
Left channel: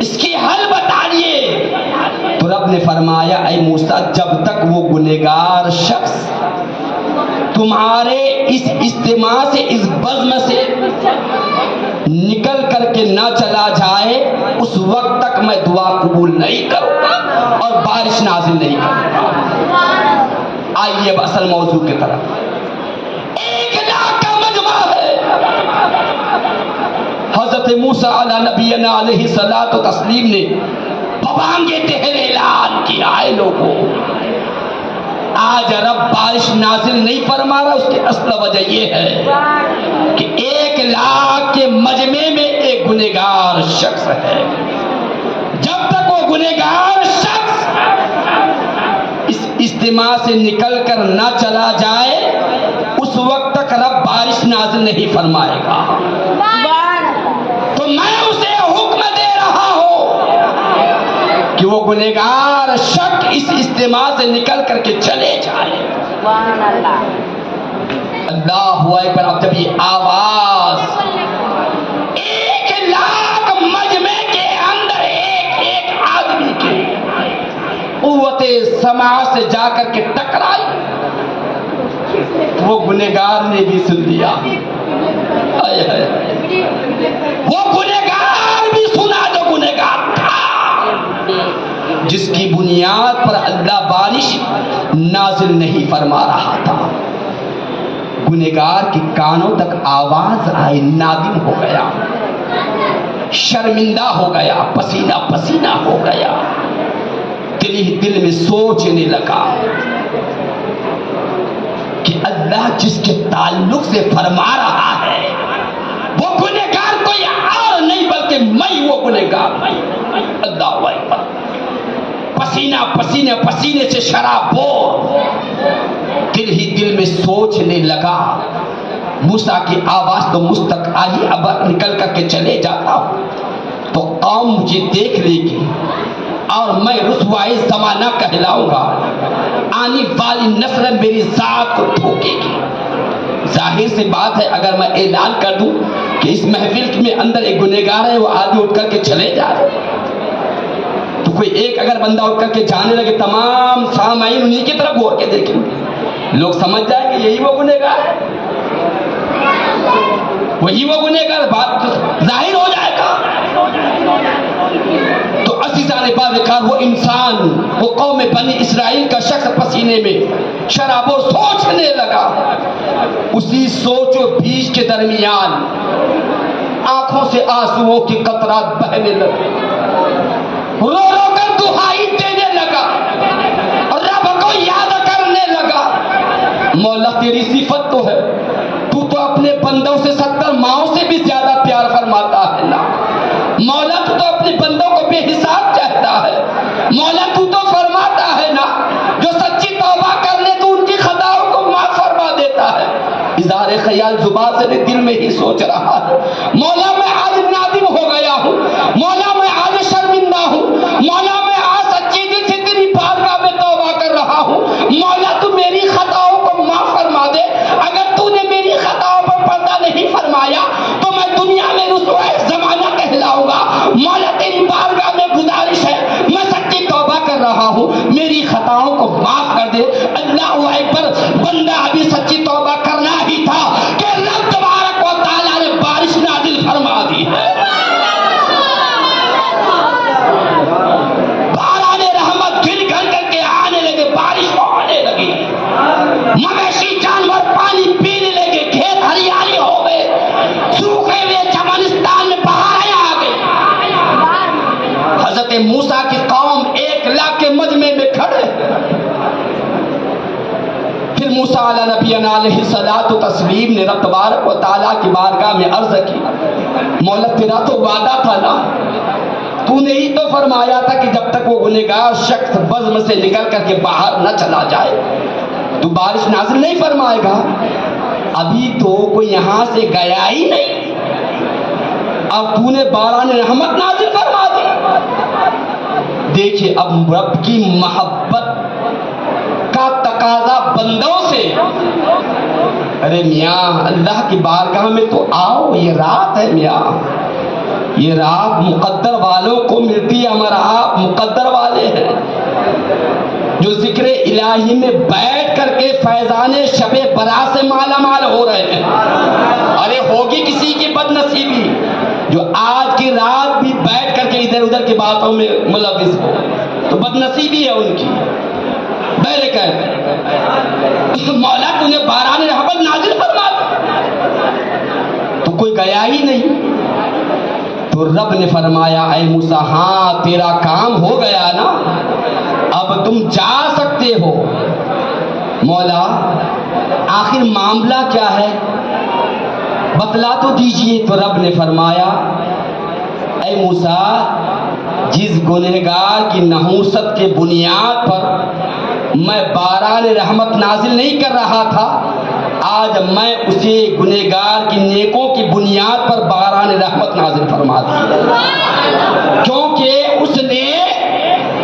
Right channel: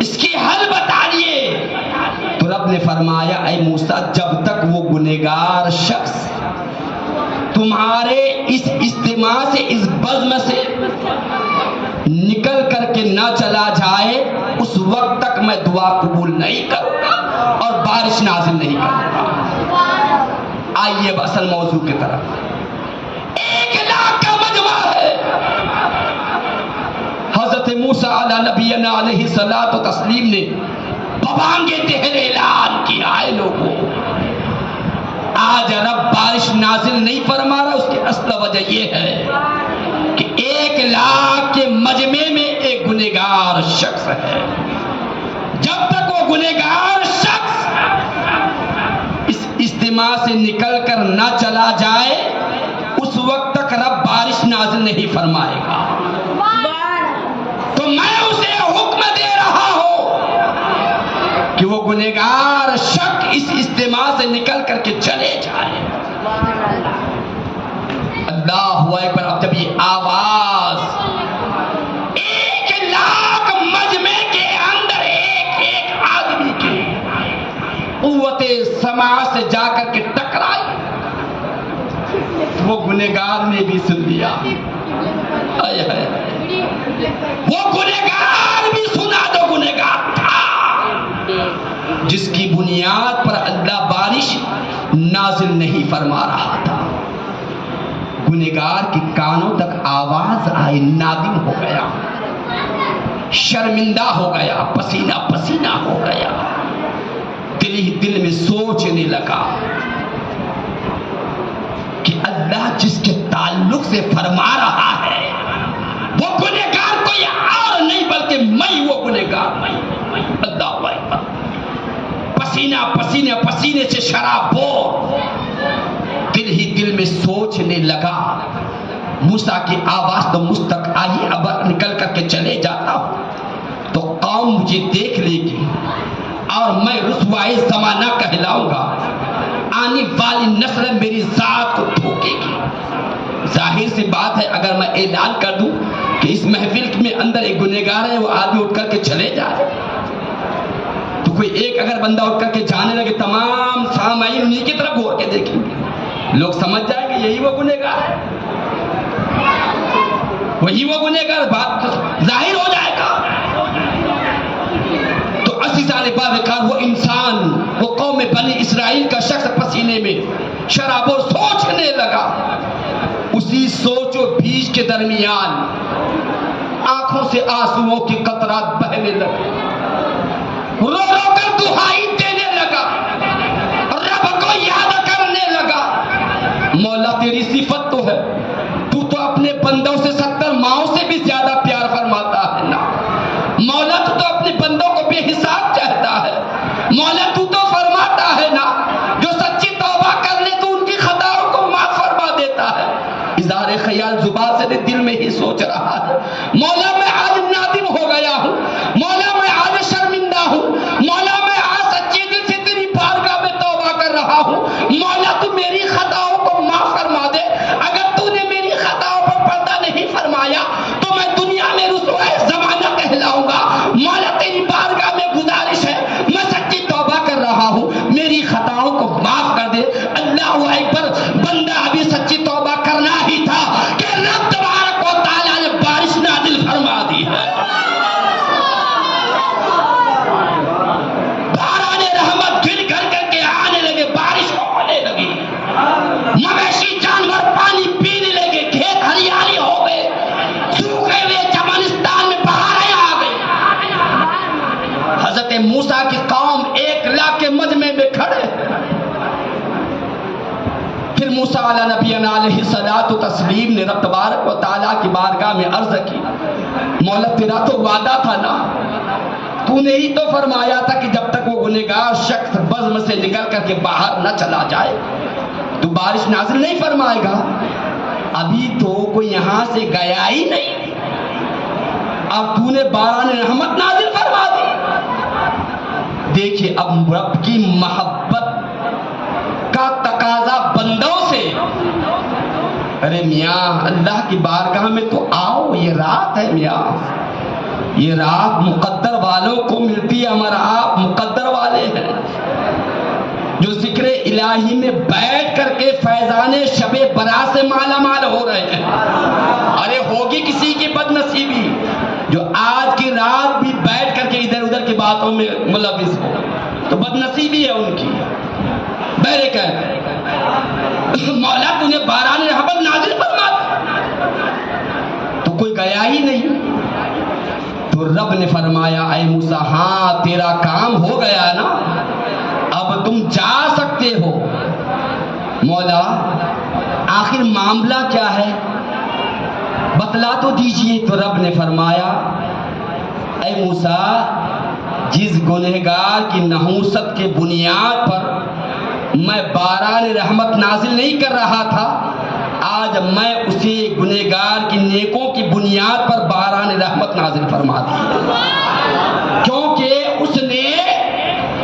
اس کی حل بتائیے۔ تو رب نے فرمایا اے موسیٰ جب تک وہ گنہگار شخص تمہارے اس اجتماع سے اس بزم سے نکل کر کے نہ چلا جائے اس وقت تک میں دعا قبول نہیں کروں گا اور بارش نازل نہیں کروں گا۔ آئیے اب اصل موضوع کی طرف۔ 1,00,000 کا مجمع ہے۔ حضرت موسیٰ علیہ نبینا علیہ الصلوۃ والتسلیم نے ببانگے تہر اعلان کیا ہے لوگوں، آج رب بارش نازل نہیں فرما رہا۔ اس کی اصل وجہ یہ ہے کہ 1,00,000 کے مجمع میں ایک گنہگار شخص ہے۔ جب تک وہ گنہگار شخص اس اجتماع سے نکل کر نہ چلا جائے اس وقت تک رب بارش نازل نہیں فرمائے گا۔ تو میں اسے حکم دے رہا ہوں کہ وہ گنہگار شخص اس اجتماع سے نکل کر کے چلے جائے۔ اللہ اکبر۔ اب جب یہ آواز 1,00,000 مجمع کے اندر ایک آدمی کی قوت سماع سے جا کر کے ٹکرائی، وہ گنہگار نے بھی سن لیا۔ وہ گنہگار بھی سنا جو گنہگار تھا، جس کی بنیاد پر اللہ بارش نازل نہیں فرما رہا تھا۔ گنہگار کے کانوں تک آواز آئی، نادم ہو گیا، شرمندہ ہو گیا، پسینہ پسینہ ہو گیا، دل ہی دل میں سوچنے لگا کہ اللہ جس کے تعلق سے فرما رہا ہے وہ گنہگار کوئی اور نہیں بلکہ میں وہ گنہگار نہیں۔ اللہ اکبر۔ پسینہ پسینے پسینے سے شرابور دل ہی دل میں سوچنے لگا، موسیٰ کی آواز تو مجھ تک آئی، اب نکل کر کے چلے جاتا ہوں تو قوم مجھے دیکھ لے گی اور میں رسوائی زمانہ کہلاؤں گا، آنے والی نسل میری ذات کو ٹھوکے گی۔ ظاہر سی بات ہے اگر میں اعلان کر دوں کہ اس محفل میں اندر ایک گنہگار ہے، وہ آدمی اٹھ کر کے چلے جائے تو کوئی ایک اگر بندہ اٹھ کر کے جانے لگے، تمام سامعین انہیں کی طرف غور کے دیکھیں گے، لوگ سمجھ جائیں گے یہی وہ گنہگار ہے، وہی وہ گنہگار، بات ظاہر ہو جائے گا۔ تو عزیزان باوقار وہ انسان، وہ قوم بنی اسرائیل کا شخص پسینے میں شراب و سوچنے لگا۔ اسی سوچ و بھیج کے درمیان آنکھوں سے آنسوؤں کی قطرات بہنے لگے، رو رو کر دہائی دینے لگا، رب کو یاد کرنے لگا۔ مولا تیری صفت تو ہے، تو اپنے بندوں سے 70 ماؤں سے بھی زیادہ پیار فرماتا ہے نا مولا، تو اپنے بندوں کو بے حساب چاہتا ہے مولا، تو فرماتا ہے نا جو سچی توبہ کر لے تو ان کی خطاؤں کو معاف فرما دیتا ہے۔ اظہار خیال زبان سے دل میں ہی سوچ رہا ہے، مولا میں آج نادم ہو گیا ہوں، مولا میں آج شرمندہ ہوں، مولا میں آج سچی دل سے تیری بارگاہ میں توبہ کر رہا ہوں، مولا تو میری خطاؤں کو معاف فرما دے۔ اگر تو نے میری خطاؤں پر پردہ نہیں فرمایا تو میں دنیا میں رسوائے زمانہ کہلاؤں گا۔ مولا تیری بارگاہ میں گزارش ہے، میں سچی توبہ کر رہا ہوں، میری خطاؤں کو معاف کر دے۔ اللہ اکبر۔ بندہ ابھی سچی توبہ کرنا ہی تھا کہ رب تبارک و تعالیٰ نے بارش نازل فرما دی ہے۔ باران رحمت گر گھر کر کے آنے لگے، بارش ہونے لگی، مویشی جانور پانی پینے لگے، کھیت ہریالی ہو گئے، سوکھے ہوئے چمنستان میں بہاریں آ گئی۔ حضرت موسیٰ کی قوم 1,00,000 کے مجمع میں کھڑے۔ پھر موسیٰ علیہ نبینا علیہ الصلوۃ والتسلیم نے رب تبارک و تعالیٰ کی بارگاہ میں عرض کی، مولا تیرا تو وعدہ تھا نا، تو نے ہی تو فرمایا تھا کہ جب تک وہ گنہگار شخص بزم سے نکل کر کے باہر نہ چلا جائے تو بارش نازل نہیں فرمائے گا۔ ابھی تو کوئی یہاں سے گیا ہی نہیں، اب تو نے باران رحمت نازل فرما دی۔ دیکھیے اب رب کی محبت کا تقاضا بندوں سے، ارے میاں اللہ کی بارگاہ میں تو آؤ، یہ رات ہے میاں، یہ رات مقدر والوں کو ملتی ہے، ہمارا آپ مقدر والے ہیں جو ذکر الہی میں بیٹھ کر کے فیضان شب برات سے مالا مال ہو رہے ہیں۔ ارے ہوگی کسی کی بد نصیبی جو آج کی رات بھی بیٹھ کر کے ادھر ادھر کی باتوں میں ملوث ہو، تو بد نصیبی ہے ان کی۔ میرے کہتے مولا تو نے باران رحمت نازل فرما تو کوئی گیا ہی نہیں، تو رب نے فرمایا اے موسیٰ ہاں تیرا کام ہو گیا نا، اب تم جا سکتے ہو۔ مولا آخر معاملہ کیا ہے بتلا تو دیجئے۔ تو رب نے فرمایا اے موسیٰ جس گنہگار کی نحوست کے بنیاد پر میں باران رحمت نازل نہیں کر رہا تھا، آج میں اسے گنہگار کی نیکوں کی بنیاد پر باران رحمت نازل فرما دوں، کیونکہ اس نے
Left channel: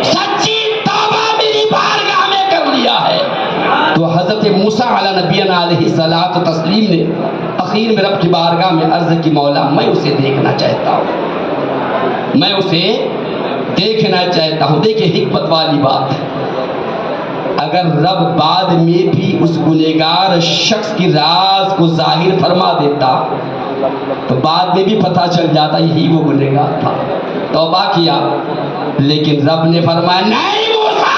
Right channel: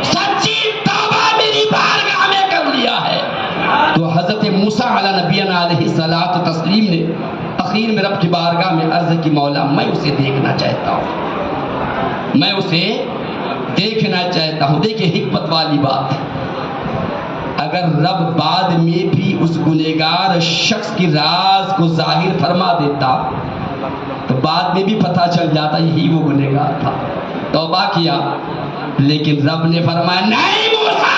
سچی توبہ میری بارگاہ میں کر لیا ہے۔ تو حضرت موسیٰ علی نبینا علیہ الصلاۃ والتسلیم نے اخیر میں رب کی بارگاہ میں عرض کی مولا میں اسے دیکھنا چاہتا ہوں، میں اسے دیکھنا چاہتا ہوں۔ دیکھیں حکمت والی بات، اگر رب بعد میں بھی اس گنہگار شخص کی راز کو ظاہر فرما دیتا تو بعد میں بھی پتہ چل جاتا یہی وہ گنہگار تھا، توبہ کیا۔ لیکن رب نے فرمایا نہیں موسیٰ،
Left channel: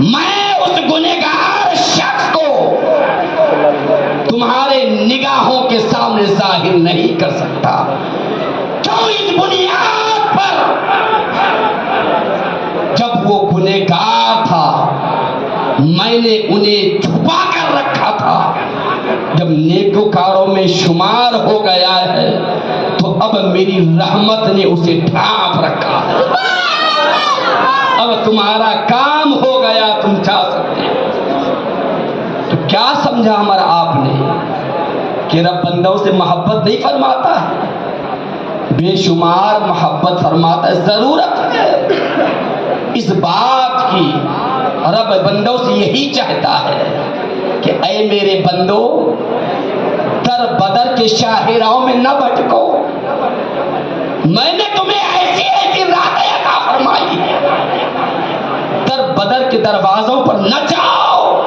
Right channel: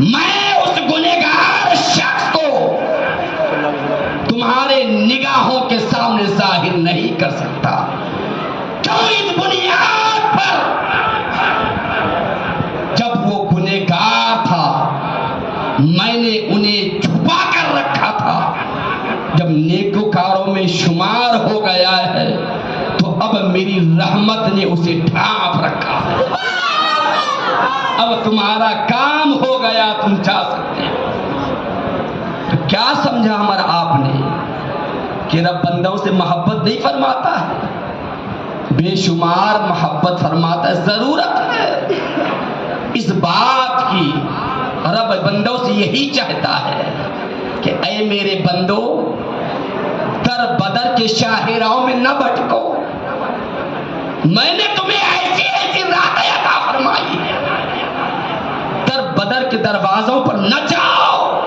میں اس گنہگار شخص کو تمہارے نگاہوں کے سامنے ظاہر نہیں کر سکتا۔ کیوں؟ اس بنیاد پر جب وہ گنہگار تھا میں نے انہیں چھپا کر رکھا تھا، جب نیکوکاروں میں شمار ہو گیا ہے تو اب میری رحمت نے اسے ڈھانپ رکھا ہے۔ اب تمہارا کام ہو گیا، تم جا سکتے ہو۔ تو کیا سمجھا ہمارا آپ نے کہ رب بندوں سے محبت نہیں فرماتا ہے، بے شمار محبت فرماتا ہے۔ ضرورت ہے اس بات کی، رب بندوں سے یہی چاہتا ہے کہ اے میرے بندو در بدر کے شاہراہوں میں نہ بھٹکو، میں نے تمہیں ایسی ایسی راہیں عطا فرمائی ہے، در بدر کے دروازوں پر نہ جاؤ،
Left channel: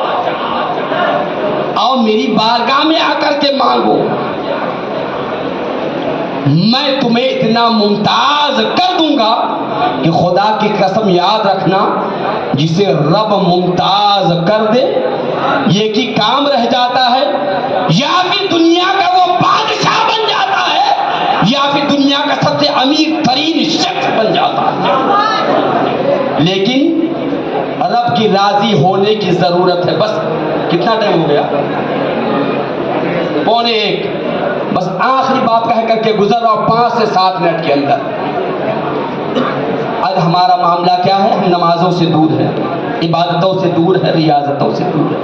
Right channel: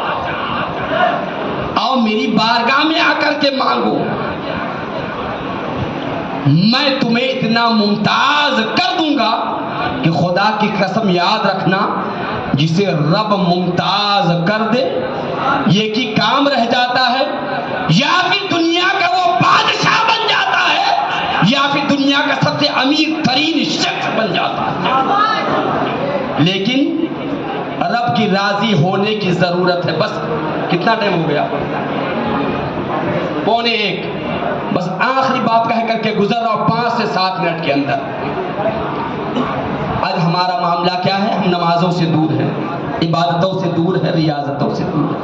آؤ میری بارگاہ میں آ کر کے مانگو، میں تمہیں اتنا ممتاز کر دوں گا کہ خدا کی قسم یاد رکھنا جسے رب ممتاز کر دے یہ کی کام رہ جاتا ہے، یا پھر دنیا کا وہ بادشاہ بن جاتا ہے یا پھر دنیا کا سب سے امیر ترین شخص بن جاتا ہے۔ لیکن رب کی راضی ہونے کی ضرورت ہے۔ بس کتنا ٹائم ہو گیا؟ 1:15۔ بس آخری بات کہہ کر کے گزر رہا ہوں 5 سے 7 منٹ کے اندر۔ آج ہمارا معاملہ کیا ہے؟ ہم نمازوں سے دور ہیں، عبادتوں سے دور ہے، ریاضتوں سے دور ہے۔